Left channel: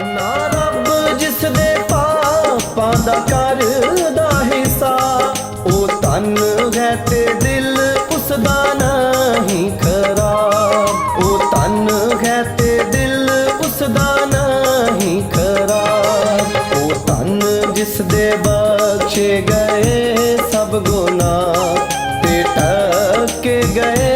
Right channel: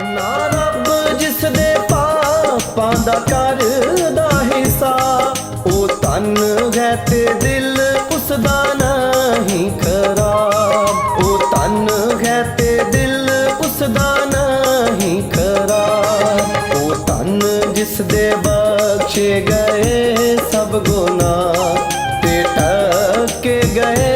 ਨਾ ਰੱਬ ਜਿਸ ਦੇ ਪਾਪਾਂ ਦਾ ਕਰਦਾ ਹਿਸਾਬ ਉਹ ਤਨ ਹੈ ਤੇ ਦਿਲ ਉਸ ਦਾ ਨਹੀਂ ਖਰਾਬ। ਉਹ ਤਨ ਹੈ ਤੇ ਦਿਲ ਉਸ ਦਾ ਨਹੀਂ ਖਰਾਬ। ਉਹ ਤਨ ਜਿਸ ਦੇ ਬਖਸ਼ੇ ਗਏ ਸਭ ਗੁਨਾਹ, ਤੇ ਟੱਕੇ ਗਏ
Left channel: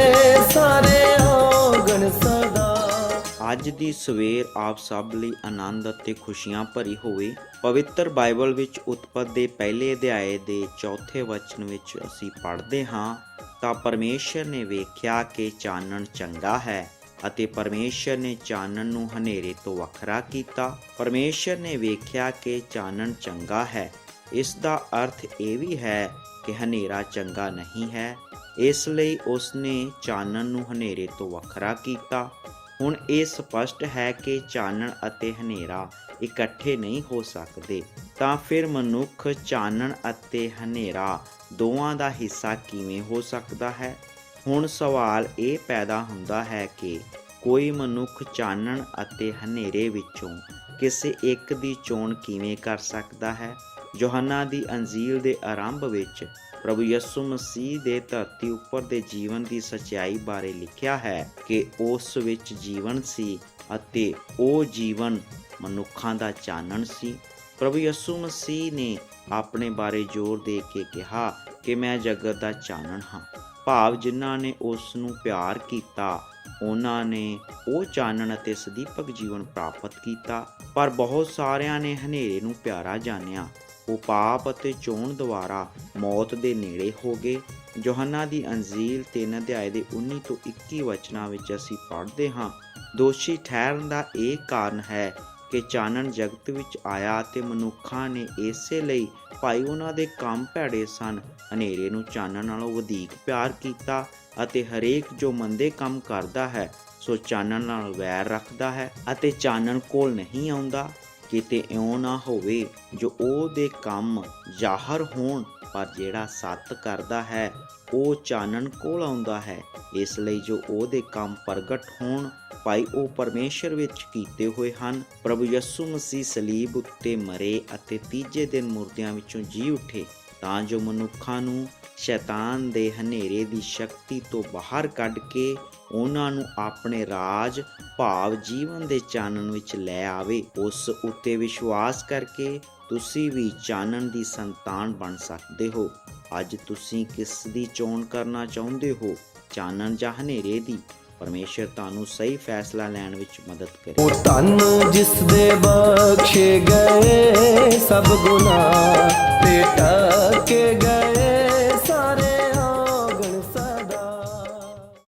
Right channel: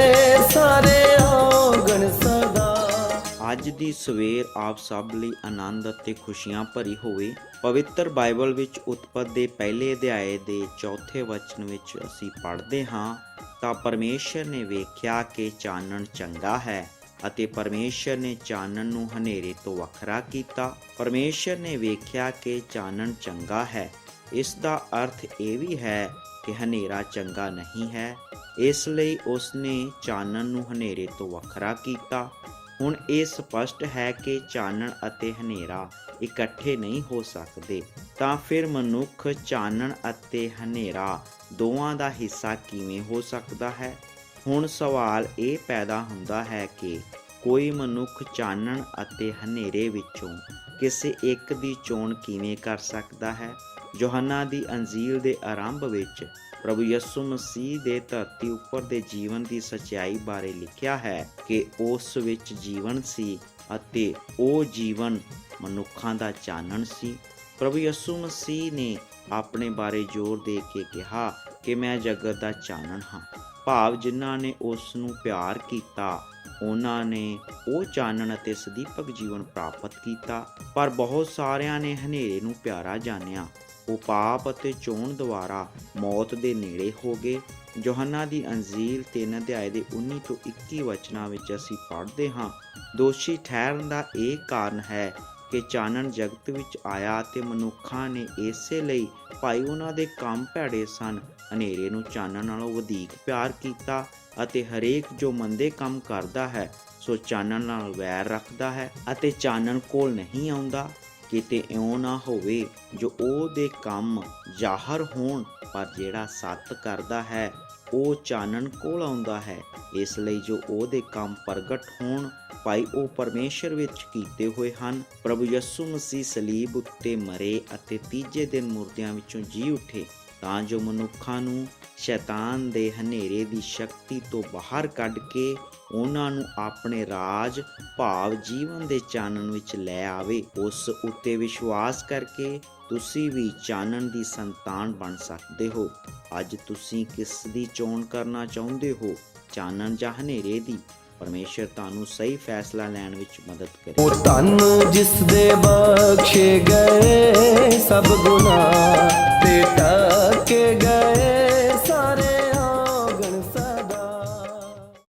ਦੀ ਸਵੇਰ ਆਪ ਸਭ ਲਈ ਆਨੰਦ ਅਤੇ ਖੁਸ਼ੀਆਂ ਭਰੀ ਹੋਵੇ, ਪਵਿੱਤਰ ਬਾਈਬਲ ਵਿੱਚ ਉਤਪਤ ਦੇ ਪਹਿਲੇ ਅਧਿਆਏ ਦੇ ਚੌਥੇ ਵਚਨ ਵਿੱਚ ਅਸੀਂ ਪੜ੍ਹਦੇ ਹਾਂ, ਤਾਂ ਪਰਮੇਸ਼ਰ ਨੇ ਵੇਖਿਆ ਕਿ ਚਾਨਣ ਚੰਗਾ ਹੈ ਅਤੇ ਪਰਮੇਸ਼ਰ ਨੇ ਚਾਨਣ ਨੂੰ ਹਨੇਰੇ ਤੋਂ ਵੱਖਰਾ ਕੀਤਾ। ਪਰਮੇਸ਼ਰ ਨੇ ਵੇਖਿਆ ਕਿ ਚਾਨਣ ਚੰਗਾ ਹੈ। ਇਸ ਦਾ ਅਰਥ ਇਹ ਵੀ ਹੈ ਕਿ ਹਨੇਰਾ ਚੰਗਾ ਨਹੀਂ ਹੈ। ਇਸ ਲਈ ਉਸ ਨੇ ਚਾਨਣ ਨੂੰ ਹਨੇਰੇ ਤੋਂ ਵੱਖਰਾ ਕੀਤਾ। ਹੁਣ ਇਹ ਸਪਸ਼ਟ ਹੈ ਕਿ ਚਾਨਣ ਅਤੇ ਹਨੇਰਾ ਇਕੱਠੇ ਨਹੀਂ ਹੋ ਸਕਦੇ, ਤਾਂ ਫਿਰ ਮਨੁੱਖ ਚਾਨਣ ਅਤੇ ਹਨੇਰਾ ਦੋਵਾਂ ਦਾ ਹਿੱਸਾ ਕਿਵੇਂ ਹੋ ਸਕਦਾ ਹੈ? ਹੁਣ ਸਵਾਲ ਇਹ ਪੈਦਾ ਹੁੰਦਾ ਹੈ ਕਿ ਕੋਈ ਮਨੁੱਖ ਚਾਨਣ ਅਤੇ ਹਨੇਰੇ ਵਿੱਚੋਂ ਕਿਸੇ ਇੱਕ ਦੀ ਚੋਣ ਕਿਵੇਂ ਕਰ ਸਕਦਾ ਹੈ? ਯੋਹੰਨਾ ਦੀ ਅੰਜੀਲ ਦੇ ਆਰੰਭ ਵਿੱਚ ਪ੍ਰਭੂ ਯਿਸੂ ਮਸੀਹ ਦੇ ਧਰਤੀ ਉੱਪਰ ਦੇ ਜੀਵਨ ਦੀ ਸਚਾਈ ਬਾਰੇ ਲਿਖਿਆ ਹੈ ਕਿ ਉਸ ਵਿੱਚ ਜੀਵਨ ਸੀ ਅਤੇ ਉਹ ਜੀਵਨ ਮਨੁੱਖਾਂ ਦਾ ਚਾਨਣ ਸੀ। ਪ੍ਰਭੂ ਯਿਸੂ ਮਸੀਹ ਨੇ ਆਪਣੇ ਬਾਰੇ ਜ਼ੋਰ ਦੇ ਕੇ ਕਿਹਾ ਕਿ ਮੈਂ ਜਗਤ ਦਾ ਚਾਨਣ ਹਾਂ। ਭਾਵ ਜਿਨ੍ਹਾਂ ਨੇ ਉਸ ਨੂੰ ਪਿਆਰ ਕੀਤਾ ਉਹਨਾਂ ਨੇ ਉਹ ਚਾਨਣ ਅਤੇ ਸਦੀਪਕ ਜੀਵਨ ਪ੍ਰਾਪਤ ਕੀਤਾ। ਪਰ ਬਹੁਤ ਸਾਰਿਆਂ ਨੇ ਹਨੇਰੇ ਨੂੰ ਪਿਆਰਾ ਜਾਣਿਆ। ਉਹ ਪਾਪ ਅਤੇ ਚੋਣ ਦੁਆਰਾ ਮੌਤ ਦੇ ਨੇੜੇ ਹੋ ਗਏ। ਯੋਹੰਨਾ ਦੀ ਅੰਜੀਲ 3 ਅਧਿਆਏ ਦੇ 19 ਤੋਂ 21 ਵਚਨਾਂ ਵਿੱਚ ਅਸੀਂ ਪੜ੍ਹਦੇ ਹਾਂ, ਦੋਸ਼ੀ ਠਹਿਰਨ ਦਾ ਇਹ ਕਾਰਨ ਹੈ ਕਿ ਚਾਨਣ ਜਗਤ ਵਿੱਚ ਆਇਆ ਤੇ ਮਨੁੱਖਾਂ ਨੇ ਇਸੇ ਲਈ ਭਾਈ ਉਹਨਾਂ ਦੇ ਕੰਮ ਭੈੜੇ ਸਨ ਹਨੇਰੇ ਨੂੰ ਚਾਨਣ ਨਾਲੋਂ ਵਧੇਕ ਪਿਆਰ ਕੀਤਾ ਅਤੇ ਹਰੇਕ ਜੋ ਮੰਦੇ ਕੰਮ ਕਰਦਾ ਹੈ, ਸੋ ਚਾਨਣ ਨਾਲ ਵੈਰ ਰੱਖਦਾ ਹੈ ਅਤੇ ਚਾਨਣ ਕੋਲ ਨਹੀਂ ਆਉਂਦਾ। ਕਿਤੇ ਇਉਂ ਨਾ ਹੋਵੇ ਜੋ ਉਹਦੇ ਕੰਮ ਜ਼ਾਹਰ ਹੋਣ, ਪਰ ਜਿਹੜਾ ਸੱਤ ਕਰਦਾ ਹੈ, ਉਹ ਚਾਨਣ ਕੋਲ ਆਉਂਦਾ ਹੈ। ਇਸ ਲਈ ਜੋ ਉਹਦੇ ਕੰਮ ਪ੍ਰਗਟ ਹੋਣ, ਭਾਈ ਉਹ ਪਰਮੇਸ਼ਰ ਵਿੱਚ ਕੀਤੇ ਹੋਏ ਹਨ। ਪ੍ਰਭੂ ਯਿਸੂ ਮਸੀਹ ਸਲੀਬ ਉੱਤੇ ਮਰੇ ਅਤੇ ਤੀਜੇ ਦਿਨ ਮੁਰਦਿਆਂ ਵਿੱਚੋਂ ਜੀ ਉੱਠੇ। ਤਾਂ ਜੋ ਮਨੁੱਖਾਂ ਨੂੰ ਸ਼ੈਤਾਨ ਦੇ ਹਨੇਰੇ ਦੀ ਸ਼ਕਤੀ ਤੋਂ ਬਾਹਰ ਕੱਢ ਕੇ ਉਹਨਾਂ ਨੂੰ ਆਪਣੇ ਰਾਜ, ਭਾਵ ਜੀਵਨ ਦੇ ਚਾਨਣ ਵਿੱਚ ਲੈ ਆਵੇ। ਉਸ ਉੱਤੇ ਵਿਸ਼ਵਾਸ ਕਰਕੇ ਤੁਸੀਂ ਵੀ ਚਾਨਣ ਦੀ ਸੰਤਾਨ ਬਣ ਸਕਦੇ ਹੋ। ਅੱਜ ਤੁਸੀਂ ਕਿਸ ਦੀ ਚੋਣ ਕਰਨਾ ਚਾਹੁੰਦੇ ਹੋ? ਚਾਨਣ ਜਾਂ ਹਨੇਰੇ ਦੀ? ਪਰਮੇਸ਼ਰ ਤੁਹਾਨੂੰ ਸਹੀ ਫੈਸਲਾ ਲੈਣ ਵਿੱਚ ਮਦਦ ਕਰੇ। ਉਹ ਤਨ ਜਿਸ ਦੇ ਬਖਸ਼ੇ ਗਏ, ਸਭ ਗੁਨਾਹ